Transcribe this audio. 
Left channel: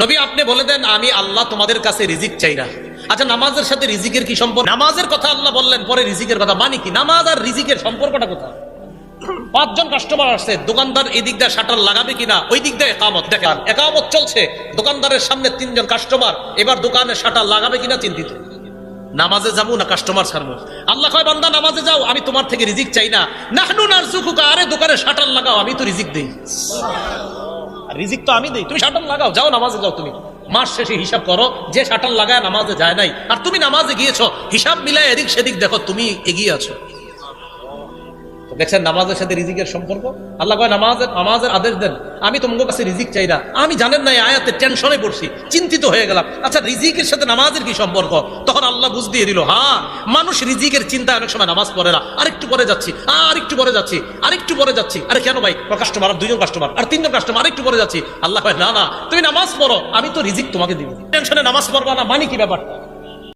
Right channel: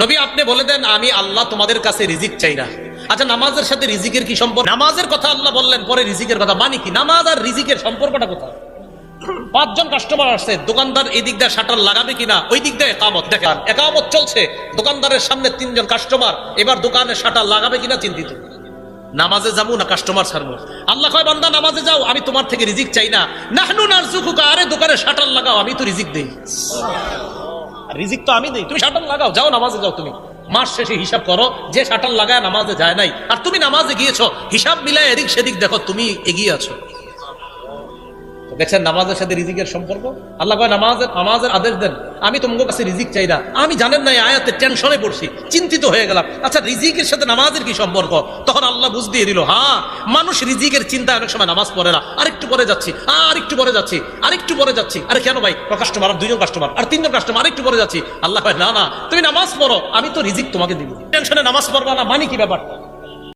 নবী আপনি বলে দেন আমি আল্লাহ তোমাদের কাছে রিজিক চাই না। আচ্ছা নামাজের সাথে রিজিকের কি সম্পর্ক? নামাজের কথা আল্লাহ বললেন, পরে রিজিকের কথা, মানে কি? নামাজ আর রিজিকের সম্পর্কটা কোথায়? 5 জন কাস্টমার আসছে, দোকানদার এই দিক দিয়ে শাটার লাগাবে কিনা, ওই দিক দিয়ে একামত, দেখেন একামত চলছে, দোকানদারের সামনে 3 জন কাস্টমার, এবার দোকানে শাটার লাগাবে কিনা চিন্তিত। নামাজে যাবো না কাস্টমার ছাড়বো? আল্লাহ কয় বান্দা নামাজে যাও, আমি তোমার থেকে রিজিক চাই না। নাহনু নারযুকুকা, আরে দোকানে শাটার লাগাও, আমি তো রিজিক দেই, রিজিক তো আমি দেই, তুমি শাটার লাগাও, যাও নামাজে যাও। তুমি মাস শেষে হিসাব করো, যে শাটার লাগায় নামাজে যায় নাই আর তুমি নামাজে গিয়েছো, হিসাব মিলায় এদিক সেদিক দেখো, তুমি এগিয়ে আছো। দেখছেন নামাজের সাথে রিজিকের সম্পর্ক? আল্লাহ নামাজের আদেশ দেন, আমি তোমাদের কাছে রিজিক চাই না। আমি জানেন না এই আয়াতে টেনশনে পড়ছি, চিন্তিত হয়ে গেলাম, আচ্ছা রিজিকের সাথে নামাজের কি সম্পর্ক? তখন আল্লাহ বুঝ দিয়ে দিল, হ্যাঁ মানুষ রিজিকের চিন্তায় অনেক সময় নামাজ পড়ে না, আরেকটু পরে যাচ্ছি, আরেকটু পরে যাচ্ছি, আরেকটু পরে যাচ্ছি। আরে কেন ভাই? কাস্টমার, 2 জন কাস্টমার আর 3 জন কাস্টমার, আরেকটু পরে যাচ্ছি। আল্লাহ ভাই না না, তুমি নামাজ পড়ো, আমি তো রিজিক তোমাকে দিব, টেনশনে নামাজ পড়বা না, মানে কি ব্যাপার?